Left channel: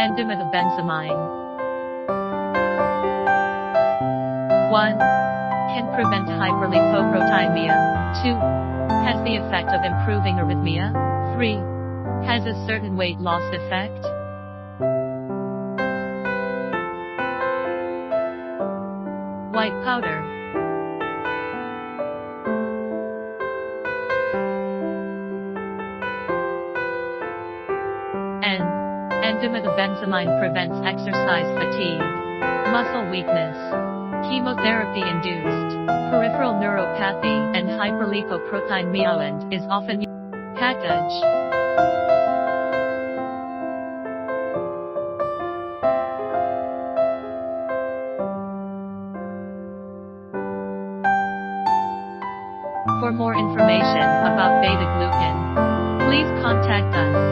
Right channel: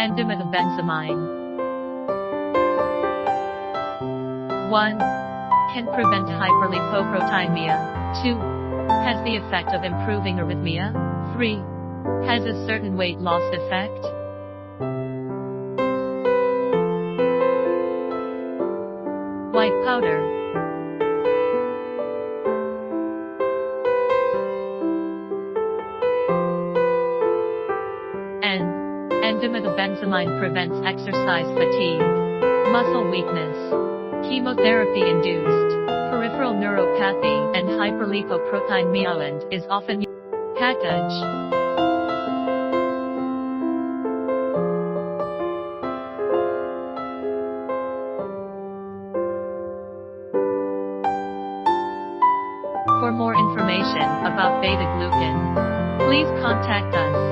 N-Dimethyl benzamine. 1. Can prevent hyperlipoproteinemia. 2. Has the effect of improving arrhythmia. 3. Has a certain weight loss effect. White powder. N-Dimethyl benzamine prevents exercise fatigue, muscle weakness, chemotherapy-induced, peripheral neuropathy, and hyperlipoproteinemia, and is often used package. For more information about beta-glucan, please contact us.